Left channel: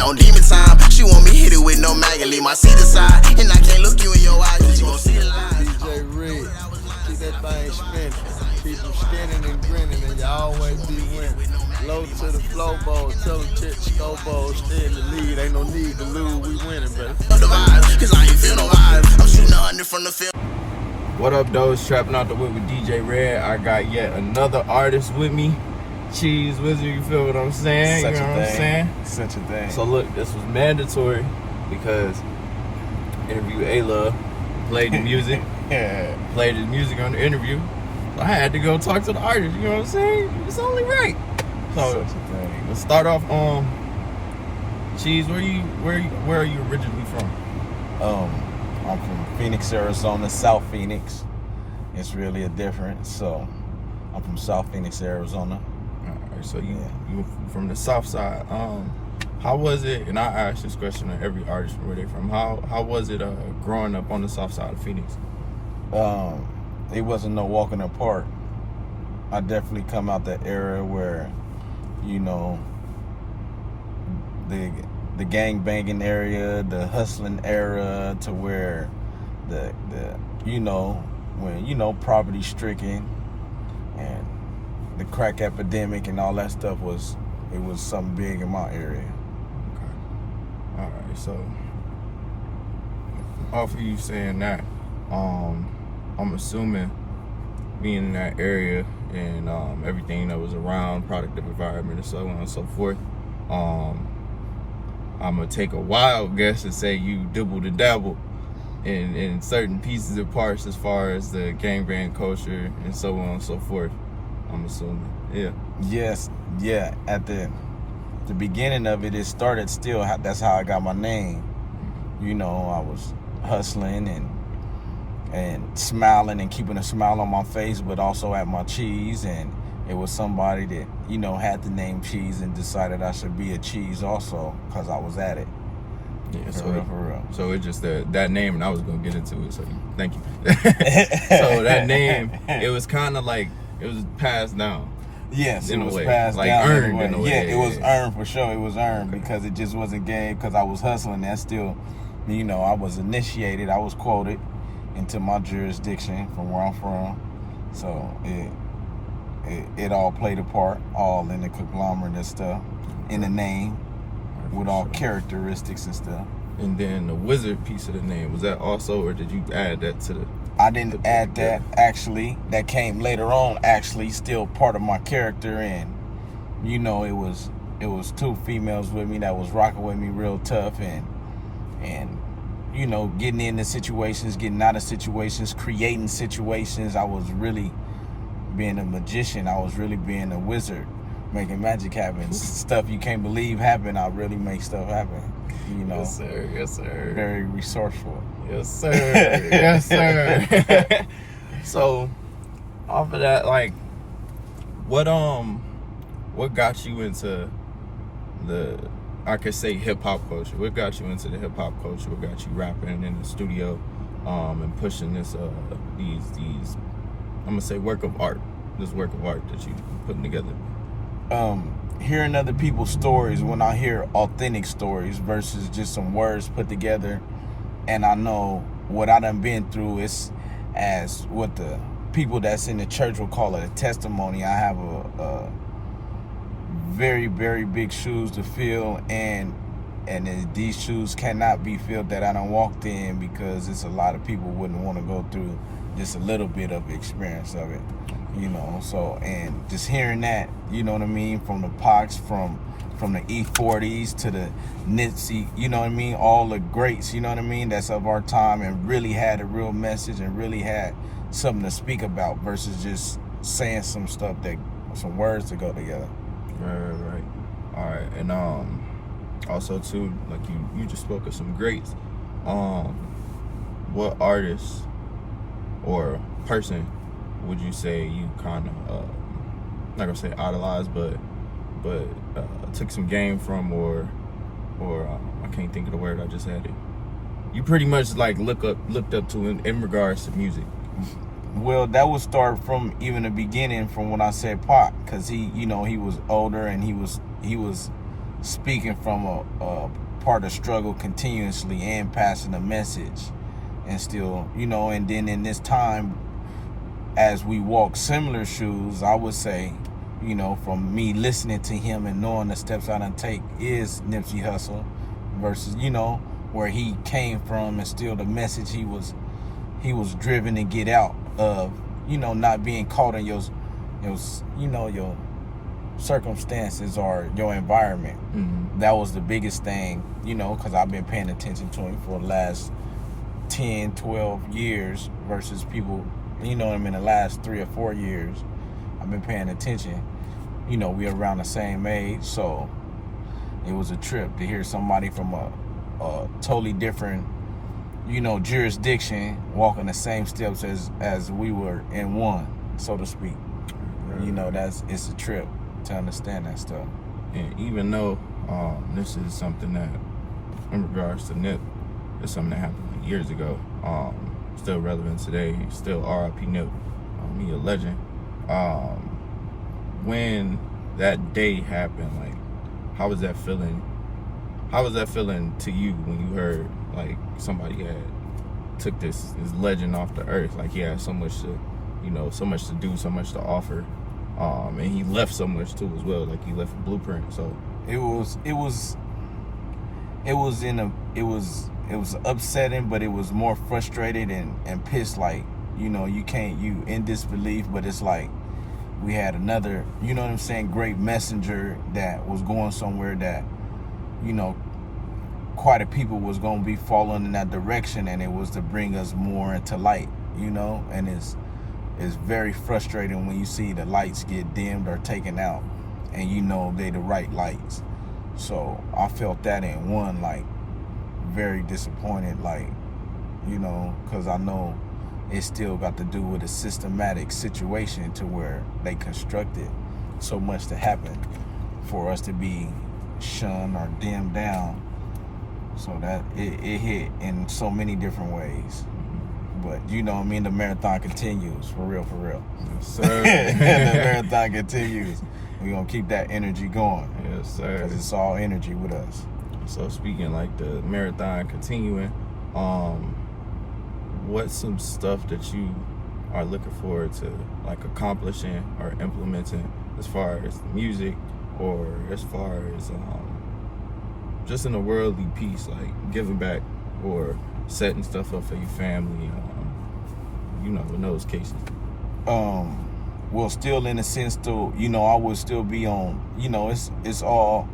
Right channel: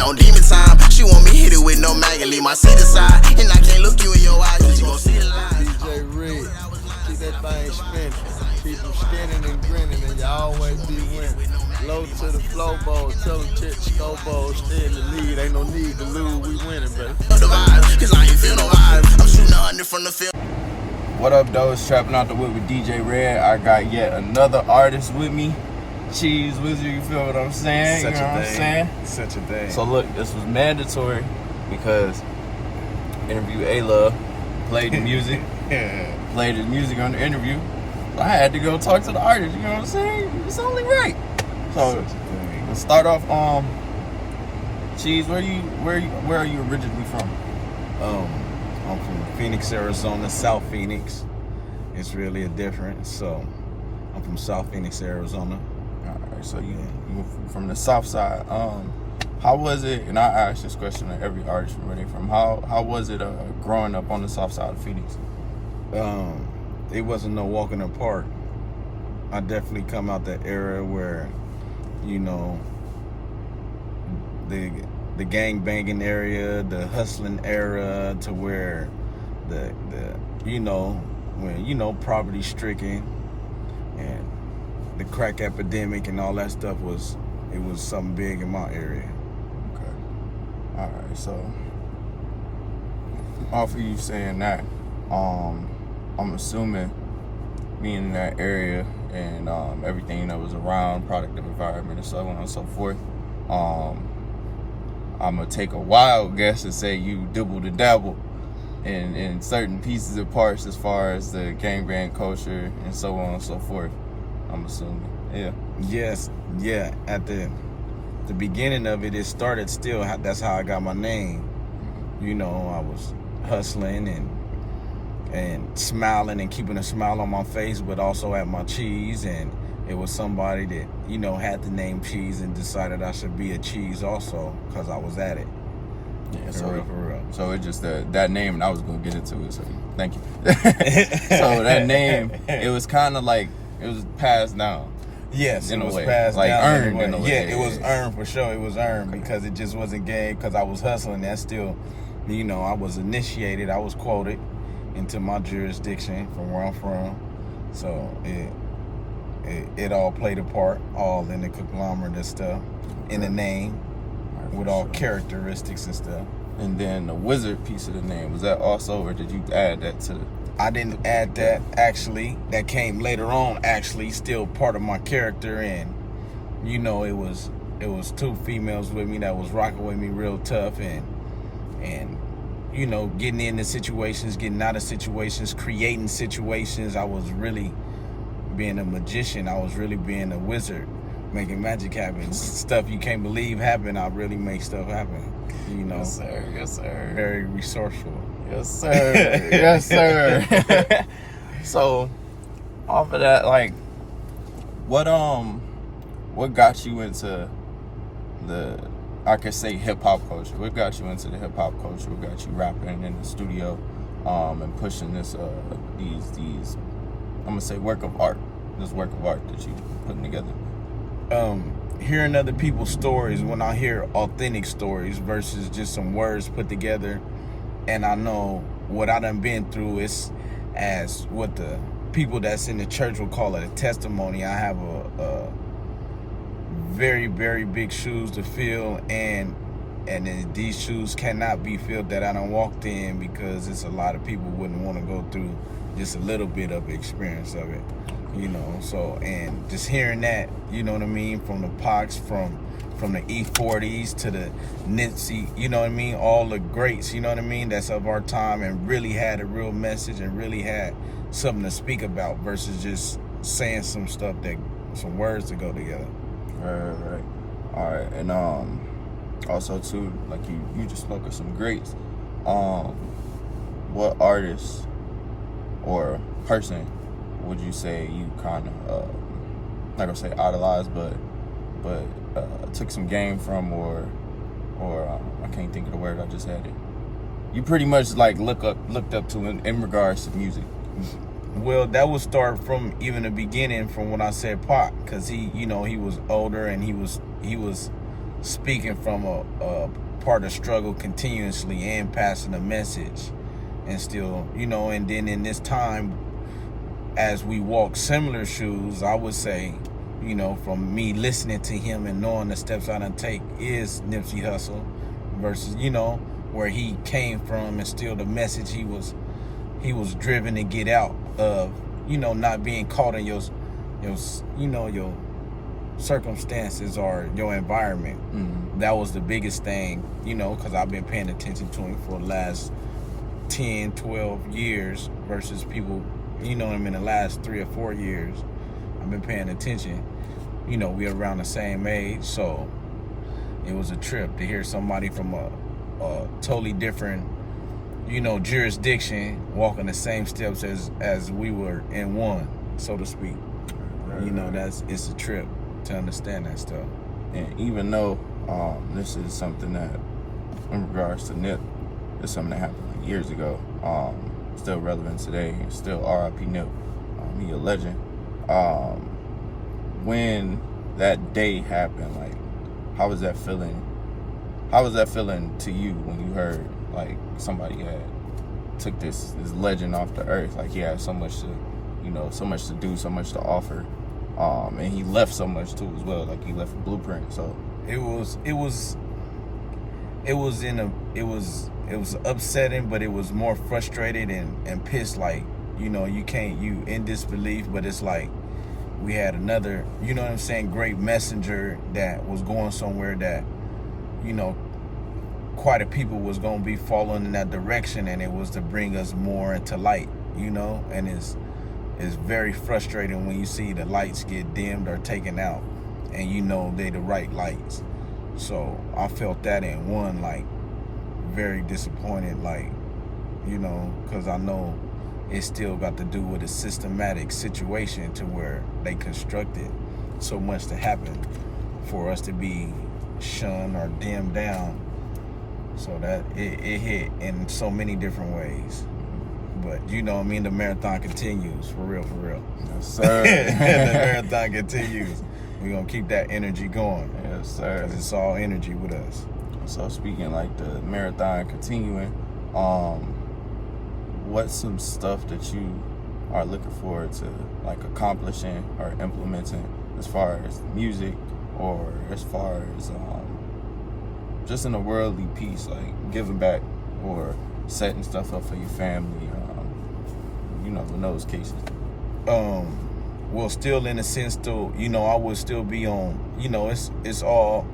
On demon time, she want me hit it with no maggot, leave my seat aside, and I can't look you in your eyes, cause you gon' see the lies. Djredd, keep that thing spinning, keep them skinning and grinning, and you always be winning. Low to the flow bowl, tell them check the scope bowl, stay in the lead, ain't no need to lose, we winning, baby. The vibe, cause I ain't feel no vibe, I'm shooting 100 from the field. What up, though? It's Trappin out the whip with Djredd. I got yet another artist with me, Cheez Wizard. You feel what I'm saying? Such you know a what I'm thing. saying? Such a thing. So look, this was mandatory because interview A-Love, played the music, Yeah. played the music on the interview. So I had to go talk to the artist. You know what I'm saying? It's only right. So we'll start off. Cheez, where are you originally from? I'm from Phoenix, Arizona, South Phoenix. It's really a difference. So I'm from South Phoenix, Arizona. All right, so you from the South Side. How was it? And I ask this question to every artist from where they're from. How was it growing up on the South Side of Phoenix? It wasn't no walking apart. I definitely come out that era where, you know, the gang banging area, the hustling era, to where the poverty stricken and the crack epidemic and all that stuff was something big in my area. Okay. All right. So off of you saying that, I'm assuming being in that area and everything that was around, product of environment and so on and so forth, I'm gonna take a wild guess and say you dibbled and dabbled in certain pieces and parts as far as the gangbang culture and so on and so forth. I'm assuming, yeah. Yes, yeah. At the beginning of it, it started still. That's how I got my name. You know, I was hustling and smiling and keeping a smile on my face, but also at my Cheez. And it was somebody that, you know, had the name Cheez and decided I should be a Cheez also because I was at it. Yeah, for real. So it just that name, and I was gonna get into it. So thank you. So that name, it was kind of like it was passed down. Yes, in it was a way. passed like down. Earned in a way. Yeah, it was earned for sure. It was earned because it just wasn't gang. Because I was hustling. That's still, you know, I was initiated. I was quoted into my jurisdiction from where I'm from. So it all played a part, all in the conglomerate and stuff, in the name, with all characteristics and stuff. And then the wizard piece of the name, was that also, or did you add that to the? I didn't add that, actually. That came later on, actually, still part of my character. And, you know, it was two females with me that was rocking with me real tough, and you know, getting into situations, getting out of situations, creating situations. I was really being a magician. I was really being a wizard, making magic happen. Stuff you can't believe happen. I really make stuff happen. You know. Yes, sir. Yes, sir. Very resourceful. Yes, sir. Yes, sir. So, off of that, like, what got you into the, I could say, hip hop culture? What got you into the hip hop culture? What got you rapping in the studio, and pushing this these I'm gonna say work of art that you putting together? Hearing other people's stories, when I hear authentic stories versus just some words put together, and I know what I done been through, is as what the people that's in the church would call it a testimony. I have a very, very big shoes to fill, and these shoes cannot be filled that I done walked in, because it's a lot of people wouldn't want to go through just a little bit of experience of it. You know, so, and just hearing that, you know what I mean, from the Pox, from the E40s to the Nipsey, you know what I mean, all the greats, you know what I mean, that's of our time, and really had a real message and really had something to speak about versus just saying some stuff that, some words to go together. Right. All right, and also too, like you just spoke of some greats. What artist or person would you say you kind of, not gonna say idolized, but took some game from, or I can't think of the word, I just had it. You pretty much like looked up to in regards to music. Well, that would start from even the beginning, from when I said Pac, because he, you know, he was older and he was speaking from a part of struggle continuously and passing a message, and still, and then in this time, as we walk similar shoes, I would say, from me listening to him and knowing the steps I done take is Nipsey Hussle versus, where he came from and still the message he was driven to get out of, not being caught in your circumstances or your environment. Mm-hmm. That was the biggest thing, because I've been paying attention to him for the last 10, 12 years versus people, in the last 3 or 4 years. I've been paying attention. We around the same age, so it was a trip to hear somebody from a totally different, jurisdiction walking the same steps as we were in one, so to speak. Right. It's a trip to understand that stuff. And even though this is something that, in regards to Nip, it's something that happened years ago, still relevant today, still R.I.P. Nip. He a legend. When that day happened, like, how was that feeling? How was that feeling to you when you heard, like, somebody had took this legend off the earth? Like, he had so much to, so much to do, so much to offer, and he left so much too as well. Like, he left a blueprint. So it was upsetting, but it was more frustrated and pissed. Like, you in disbelief, but it's like we had another, great messenger that was going somewhere that, quite a people was going to be following in that direction, and it was to bring us more into light, and it's very frustrating when you see the lights get dimmed or taken out, and they the right lights. So I felt that in one, like, very disappointed, like, because I know it still got to do with a systematic situation to where they constructed so much to happen for us to be shunned or dimmed down. So that it hit in so many different ways. But the marathon continues, for real. Yes, sir. The marathon continues. We're going to keep that energy going. Yes, sir. Because it's all energy with us. So speaking like the marathon continuing, what's some stuff that you are looking forward to, like, accomplishing or implementing as far as music, or as far as just in a worldly piece, like giving back or setting stuff up for your family, in those cases? Well, still in a sense, though, I would still be on, it's all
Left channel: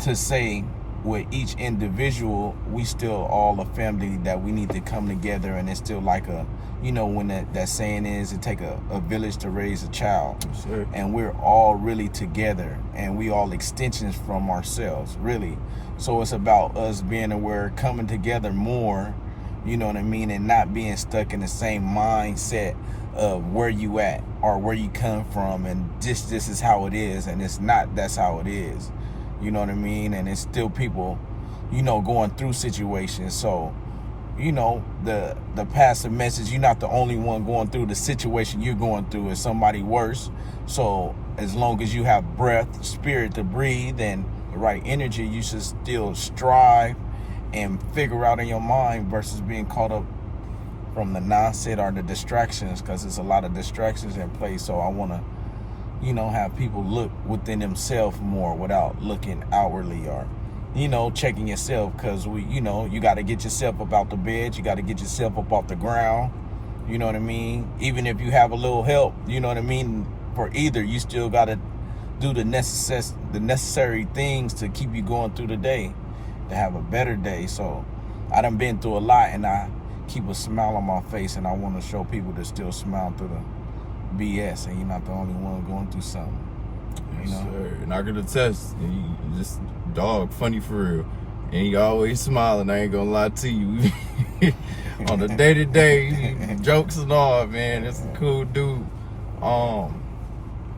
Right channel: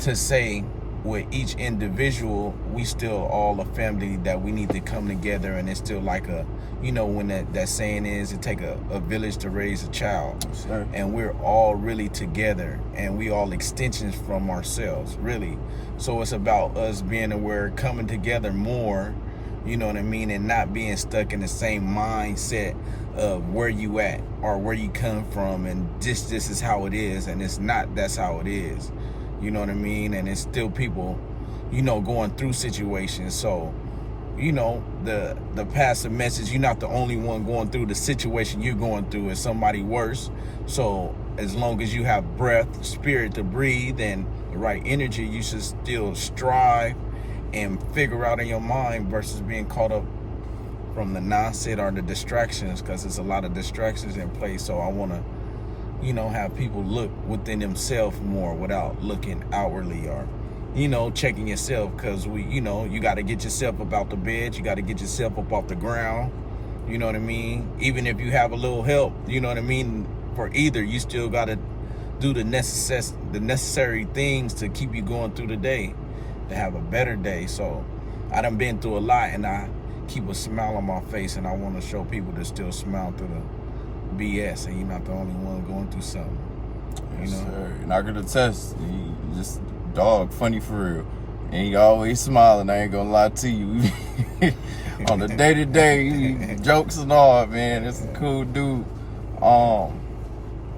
to say with each individual, we still all a family that we need to come together, and it's still like a, when that saying is, it take a village to raise a child. Sure. And we're all really together, and we all extensions from ourselves, really. So it's about us being aware, coming together more, and not being stuck in the same mindset of where you at or where you come from, and this is how it is, and it's not, that's how it is. And it's still people, going through situations. So, the passive message, you're not the only one going through the situation you're going through. It's somebody worse. So as long as you have breath, spirit to breathe, and the right energy, you should still strive and figure out in your mind versus being caught up from the nonsense or the distractions, because there's a lot of distractions in place. So I want to, have people look within themselves more without looking outwardly, or, checking yourself, because you got to get yourself up out the bed. You got to get yourself up off the ground. You know what I mean? Even if you have a little help, for either, you still got to do the necessary things to keep you going through the day, to have a better day. So I done been through a lot, and I keep a smile on my face, and I want to show people to still smile through the BS, and you're not the only one going through something. Sir. And I could attest, you just funny for real, and you always smiling. I ain't gonna lie to you. On the day-to-day jokes and all, man, it's a cool dude.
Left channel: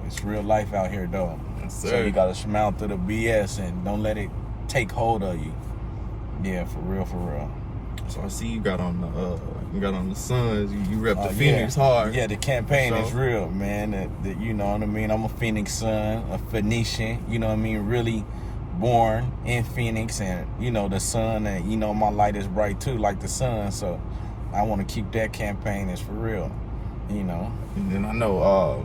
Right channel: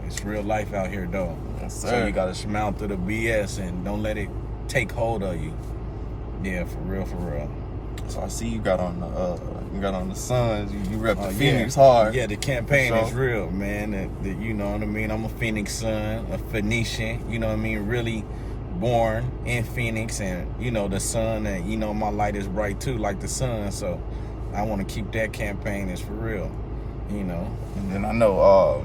It's real life out here, though. Yes, sir. So you gotta smile through the BS and don't let it take hold of you. Yeah, for real. So I see you got on the Suns. You rep the Phoenix hard. Yeah, the campaign is real, man. You know what I mean? I'm a Phoenix Sun, a Phoenician. You know what I mean? Really born in Phoenix, and you know the sun, and you know my light is bright too, like the sun. So I want to keep that campaign as for real, you know. And then I know,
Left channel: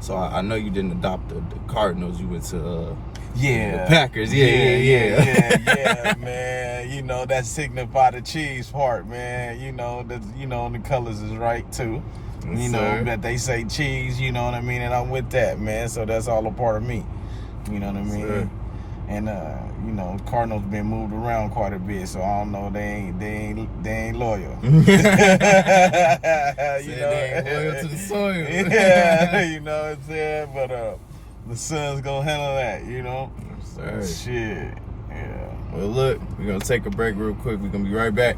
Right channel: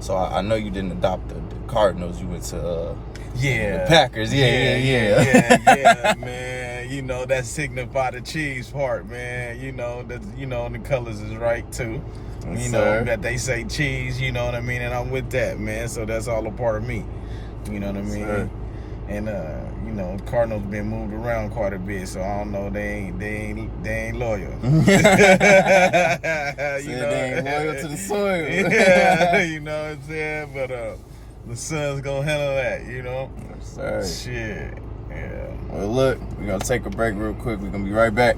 so I know you didn't adopt the Cardinals. You went to the Packers. Yeah, man. You know that signify the Cheez part, man. You know that, you know, the colors is right too. Yes, you know sir. that they say cheese, you know what I mean, and I'm with that, man. So that's all a part of me. You know what I mean? Sir. And you know, Cardinals been moved around quite a bit, so I don't know, they ain't loyal. You know, they ain't loyal to the soil. Yeah, you know what I'm saying? But the Sun's gonna handle that, you know? Yes, sir. Shit. Yeah. Well, look, we're gonna take a break real quick. We're gonna be right back.